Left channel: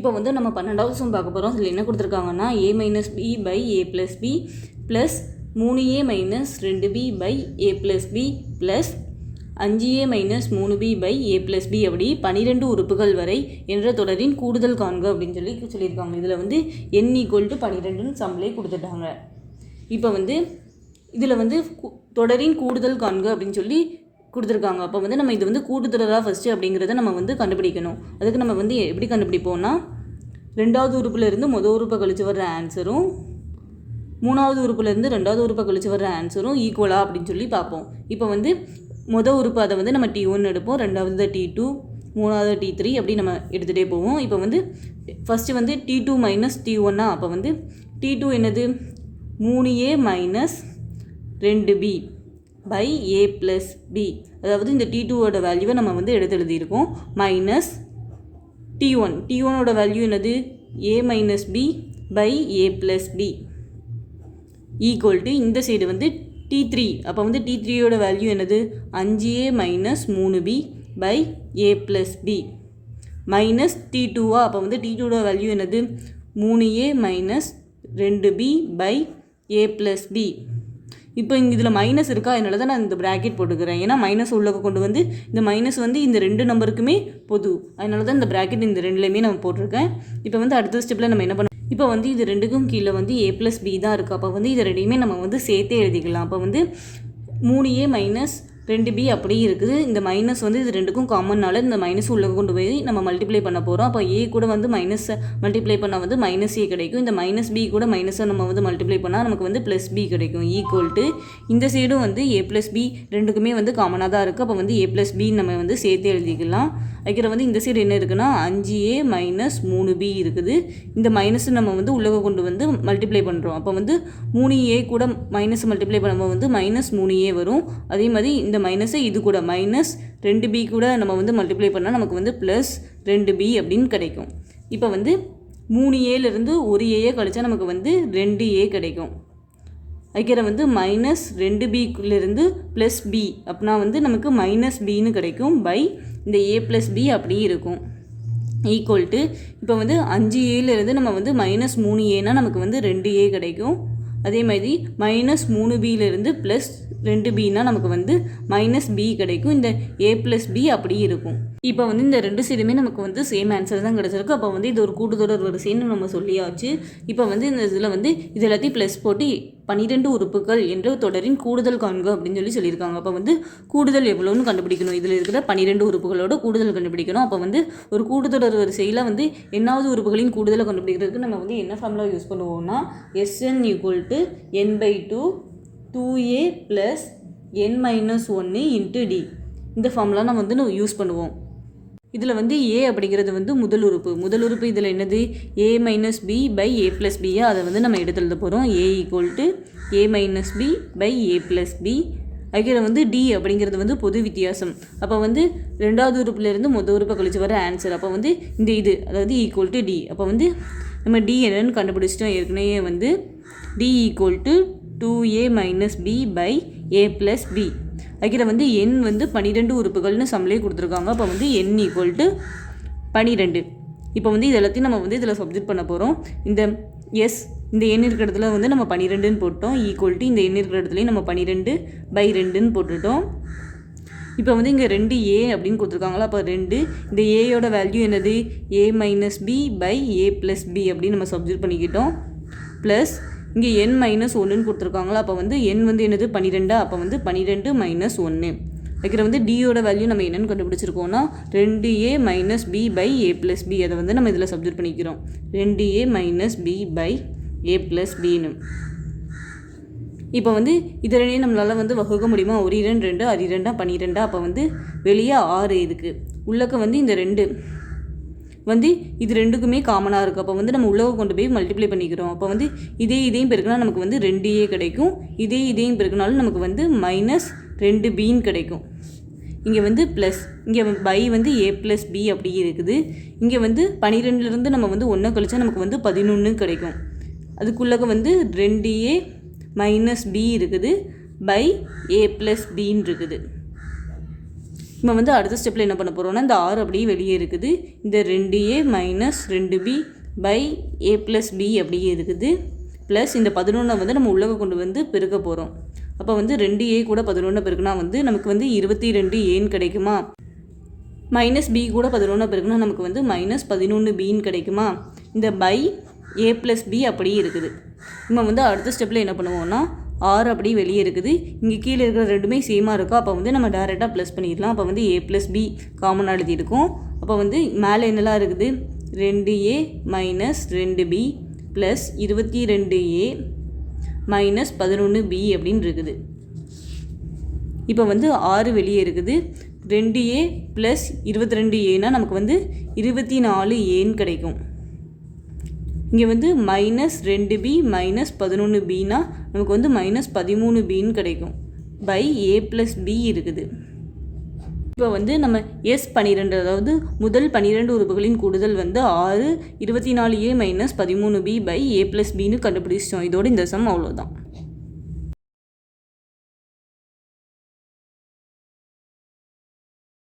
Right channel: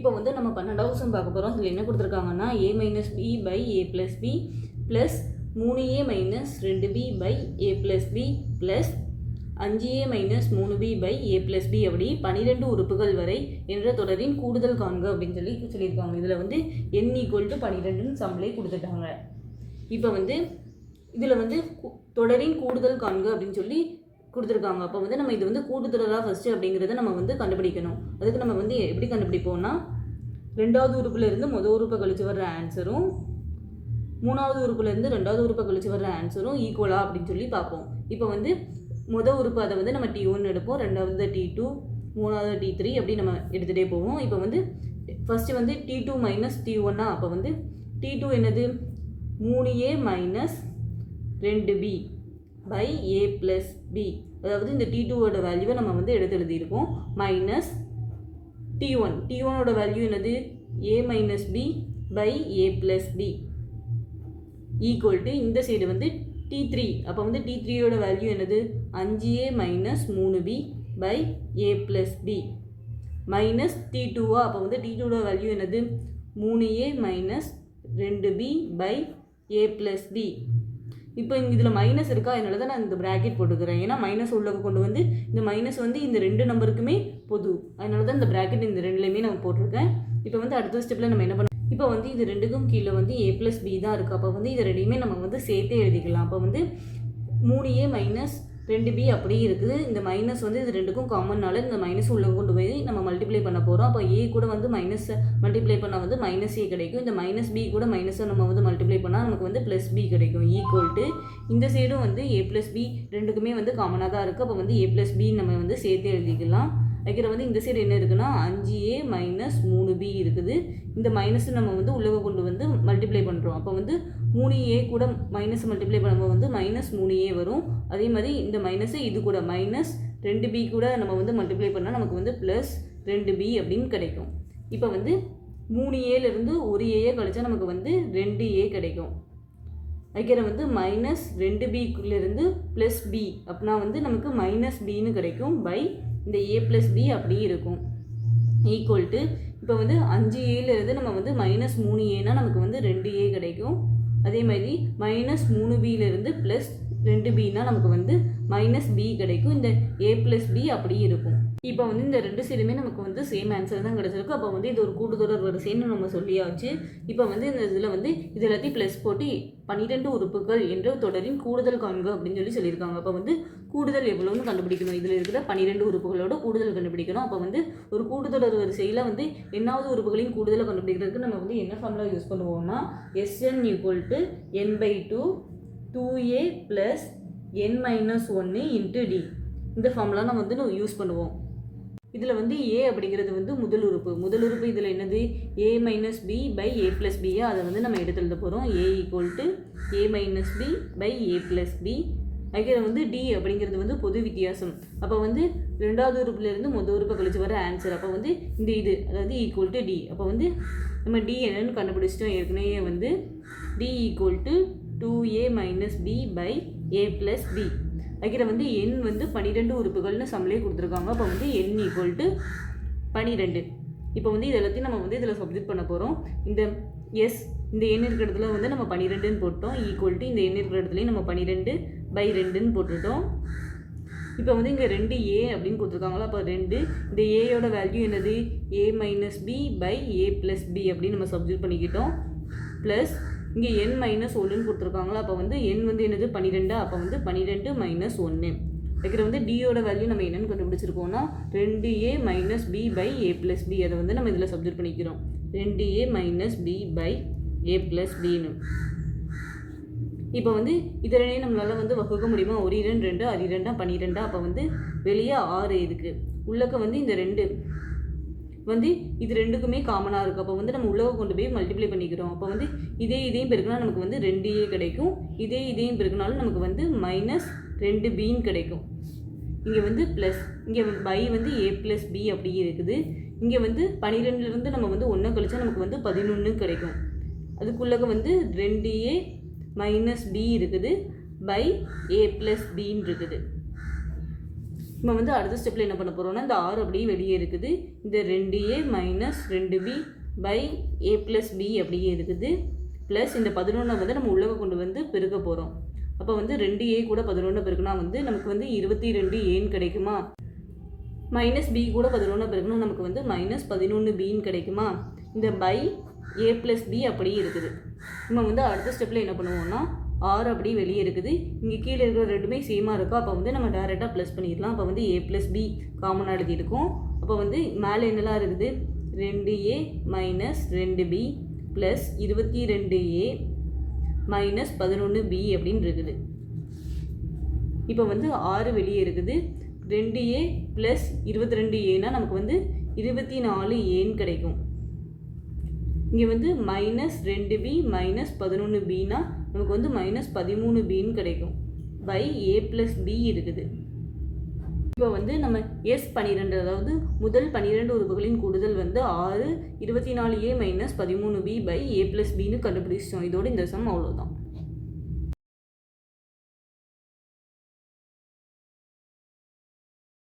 இப்போ வந்து நம்ம 12வது சம் பார்க்க போகிறோம். அதில் என்ன கொடுத்துருக்காங்கன்னா a minus B by A plus B plus 3a minus 2b by A plus B plus 5a minus 3b by A plus B அப்படி 12 உறுப்புகள் வரை என்ற தொடரின் கூடுதல் காண்க அப்படின்னு சொல்லியிருக்காங்க. இதில் வந்து n = 12ன்னு சம்மிலே கொடுத்துட்டாங்க. இப்போ வந்து இதில் வந்து தொடரின் கூடுதல் காண்க அப்படின்னு சொல்லி கொடுத்துருக்காங்க. அப்போ வந்து நம்ம இது வந்து கூட்டுத்தொடரா ஃபஸ்ட்டு அப்படிங்கிறத நம்ம வந்து கண்டுபிடிக்கணும். அதுக்கு நம்ம வந்து எப்படி கண்டுபிடிப்போம்னா, 2வது உறுப்புலேருந்து மொதல் உறுப்பை கழிச்சு வர்ற ஆன்சரும் 3வது உறுப்புலேருந்து 2வது உறுப்பை கழிச்சு வர்ற ஆன்சரும் ஈக்குவலா அப்படின்னு சொல்லி பார்ப்போம். இப்போ வந்து மொதல் உறுப்பு அதை வந்து நம்ம T1 எடுப்போம், 2வது T2, 3வது T3 அப்படி நம்ம எடுத்துகிட்டே போவோம். இப்போ வந்து ஃபஸ்ட்டு வந்து T2 மைனஸ் T1 அப்போ வந்து T2 என்னது 3a minus 2b by A plus B, அதாவது இந்த T2வோட வேல்யூவை நம்ம வந்து எழுதியிருக்கோம். மைனஸ் T1ஓட வேல்யூ என்னது a minus B by A plus B equal to இந்த சைடு வந்து T3. அப்போ வந்து T3யோட வேல்யூ என்னது 5a minus 3b by A plus B minus T2 அப்போ வந்து T2ஓட வேல்யூ என்னது 3a minus 2b by A plus B. இப்போ இங்கே இதில் மைனஸ் இருக்கா, அதனால தான் நான் இந்த ப்ராக்கெட் போட்டுக்கிறேன். ஏன்னா மைனஸ் உள்ள கொண்டு வந்து இந்த மைனஸ் வந்து இந்த 2 நம்பருக்குமே பொது, அதனால தான் இந்த ப்ராக்கெட் இந்த 2லேயுமே நம்ம போட்டிருக்கேன். இப்போ வந்து அடுத்த ஸ்டெப்பில் நம்ம என்ன பண்ணோம், இப்போ வந்து இது 2க்கும் கீழே வந்து ஏ ப்ளஸ் பி தான் இருக்குது. அப்போ வந்து இது 2யுமே நம்ம வந்து சேர்த்தே எழுதிக்கலாம். அப்போ வந்து 3a மைனஸ் 2b அப்படியே இருக்குது. இந்த மைனஸ் வந்து இது 2க்கும் காமன்னால இந்த மைனஸ் உள்ள கொண்டு போய் நம்ம மல்டிப்ளை பண்ண போகிறோம். அப்போ a கூட வந்து மைனஸை மல்டிப்ளை பண்ணால் வந்து மைனஸ் a கிடைக்கும். இந்த மைனஸ் b கூட மைனஸை நம்ம வந்து மல்டிப்ளை பண்ணால் நமக்கு வந்து ப்ளஸ் b கிடைக்கும். ஈக்குவல் டு இந்த சைடும் வந்து a ப்ளஸ் b 2க்குமே வந்து காமனாக தான் இருக்குது. அப்போ வந்து a ப்ளஸ் b நம்ம வந்து சேர்த்து எழுதிக்கலாம். அதுக்கிற வந்து இந்த சைடு என்ன இருக்குன்னா 5a மைனஸ் 3b இருக்குது. இந்த மைனஸ் நம்ம வந்து உள்ளே கொண்டு வந்து மல்டிப்ளை பண்ணுறோம். அப்போ வந்து 3a கூட மைனஸ் மல்டிப்ளை பண்ணும்போது வந்து மைனஸ் 3a வரும். அதே மாதிரி இந்த மைனஸை இது கூட மைனஸ் 2b கூட நம்ம வந்து மல்டிப்ளை பண்ணால் நமக்கு வந்து ப்ளஸ் 2b அப்படின்னு கிடைக்கும். இப்போ வந்து 3aலேருந்து ஒரு a கழிச்சா நமக்கு வந்து 2a கிடைக்கும். அதுக்கிற வந்து மைனஸ் 2bலேருந்து ப்ளஸ் b அப்படின்னா வந்து நமக்கு மைனஸ் bன்னு கிடைக்கும். பை இந்த a ப்ளஸ் b அப்படியே இருக்கும். ஈக்குவல் டு இப்போ வந்து 5aலேருந்து நம்ம வந்து மைனஸ் 3aனா நமக்கு வந்து 2a கிடைக்கும். அதே மாதிரி மைனஸ் 3bலேருந்து ப்ளஸ் 2bனா நமக்கு வந்து மைனஸ் b கிடைக்கும். இந்த a ப்ளஸ் b அப்படியே இருக்கும். இப்போ வந்து இந்த 2 சைடுமே நமக்கு வந்து சேம் ஆன்சர் தான் கிடச்சிருக்கு. அப்போ வந்து இது ஒரு கூட்டுத்தொடர் வரிசைன்னு நம்ம சொல்லியாச்சு. இப்போ வந்து இந்த இதில் வந்து இது எல்லாத்தையும் ப்ளஸ் போட்டு 12 உறுப்புகள் என்ற தொடரின் கூடுதல் காண்க அப்படின்னு சொல்லியிருக்காங்க. அப்போ வந்து கூடுதல் எவ்வளோன்னு கண்டுபிடிக்கணும். இதில் இருக்கிற 12 உறுப்புகளோட கூடுதல் கண்டுபிடிக்கணும். அப்போ வந்து ஒரு கூட்டுத்தொடர் வரிசையில் வந்து என்னாவது உறுப்புகளின் கூடுதலை கண்டுபிடிக்கிறதுக்கு நம்ம வந்து என்ன ஃபார்முலா யூஸ் பண்ணுவோம்னா Sn = n/2 2a plus n minus 1 into d. இந்த ஃபார்முலா நம்ம வந்து யூஸ் பண்ணுவோம். இதில் வந்து a அப்படிங்கிறது வந்து முதல் உறுப்பு இதில் என்னது a minus b by A plus b அதை வந்து நம்ம எடுத்து எழுத போகிறோம். a = a minus b by A plus b. அதுக்கு வந்து d அப்படிங்கிறது வந்து பொது வித்தியாசம். அப்போ வந்து 2வது உறுப்புலேருந்து மொதல் உறுப்பை கழிச்சு வர ஆன்சர். அப்போ வந்து இந்த இது அதாவது ஈக்குவல் டு d. அப்போ வந்து நம்ம d என்னன்னு கண்டுபிடிச்சிட்டோம். ஏற்கனவே வந்து d = 2a minus b by A plus b. அதுக்கிற வந்து n வந்து 12 உறுப்புகள்னு சம்மிலே கொடுத்துருக்காங்க. அப்போ வந்து n = 12. இப்போ வந்து இது எல்லாத்தையும் நம்ம வந்து இதில் சப்ஜெக்ட் பண்ண போகிறோம். இந்த இந்த n இருக்கிற இடத்துல வந்து நம்ம 12ன்னு போட்டோம். ஈக்குவல் டு இந்த n இருக்கிற இடத்துலையும் நம்ம 12/2ன்னு போட்டுட்டோம். இப்போ வந்து இங்கே 2a அப்படின்னு கொடுத்துருக்காங்களா, அப்போ 2 இந்த ஏயோட வேல்யூ என்னது a minus b by A plus b அப்படின்னு நம்ம சப்ஜெக்ட் பண்ணிக்கிட்டோம். ப்ளஸ் இங்கே n மைனஸ் 1ன்னு கொடுத்துருக்காங்களா, அப்போ வந்து n வந்து என்னது 12. அப்போ வந்து 12 மைனஸ் 1. அதுக்கிற வந்து டியோட வேல்யூ நம்ம என்னென்னு கண்டுபிடிச்சிருக்கோம்னா 2a minus b by A plus b. அதை வந்து நம்ம இதில் சப்ஜெக்ட் பண்ணிக்கிறோம். 2a minus b by A plus பின்னு. இப்போ வந்து இதனே நம்மளால் வந்து வகுக்க முடியுமா, 1 2 2 அது 2 12. அப்போ வந்து வெளியே 6 இருக்குது. உள்ளக்க வந்து இந்த 2 வந்து இது 2க்குமே காமனாக இருக்குது. அப்போ வந்து நம்ம உள்ளே கொண்டு போய் மல்டிப்ளை பண்ணிக்கிறோம். அப்போ வந்து இதையும் பெருக்கினா நமக்கு வந்து 2a கிடைக்கும். இதையும் பெருக்கினாலும் நமக்கு வந்து மைனஸ் 2bன்னு கிடைக்கும். இங்கே வந்து ப்ளஸ் இங்கே பை வந்து ஏ ப்ளஸ் b அப்படி இருக்குது. இங்கே வந்து 12லேருந்து நம்ம வந்து 1 கழிச்சா நமக்கு வந்து 11 கிடைக்கும். அதுக்குள்ளக்க வந்து 2a மைனஸ் b இருக்குது பை ஏ ப்ளஸ் பின்னு இருக்குது. இப்போ வந்து அடுத்த ஸ்டெப்பில் என்ன பண்ண போகிறோம்னா இந்த 6 அப்படியே வெளியே இருக்குது. இந்த 2a minus 2b by a plus b அப்படியே இருக்குது. ப்ளஸ் இந்த 11 வந்து நம்ம உள்ளே கொண்டு வந்து பெருக்க போகிறோம். அப்போ வந்து 2a கூட 11 பெருக்குனா வந்து நமக்கு வந்து 22aன்னு கிடைக்குமா. மைனஸ் b கூட 11 பெருக்குனா நமக்கு வந்து மைனஸ் 11bன்னு கிடைக்குமா. இந்த பை a ப்ளஸ் b அப்படியே இருக்குது. நம்ம வந்து அடுத்த ஸ்டெப்பில் என்ன பண்ணுவோம்னா 6 அப்படியே வெளியே இருக்குது. இங்கே கீழே இருக்கிற ரெண்டுமே சேமாக இருக்கும். அப்போ வந்து நம்ம டேரெக்டாக ப்ளஸ் பண்ணிடலாம். அப்போ வந்து a ப்ளஸ் b காமனாக எழுதியிருக்கும். அப்போ வந்து மேலே என்னெல்லாம் இருக்குது 2a minus 2b plus 22a minus 11b அப்படின்னு இருக்குது. இப்போ வந்து 6 வெளியே இருக்குது. 2a ப்ளஸ் 22aனா நமக்கு வந்து 24aன்னு கிடைக்கும். இங்கே வந்து மைனஸ் 2b மைனஸ் 11bனா நமக்கு வந்து மைனஸ் 13bன்னு கிடைக்கும். பை a ப்ளஸ் b இருக்குது. இப்போ வந்து நம்ம S12 அதாவது முதல் 12 உறுப்புகளின் கூடுதல் வந்து 6 24a minus 13b by a plus bன்னு கண்டுபிடிச்சிட்டோம். இதோடு இந்த சம் அவ்வளோதான்.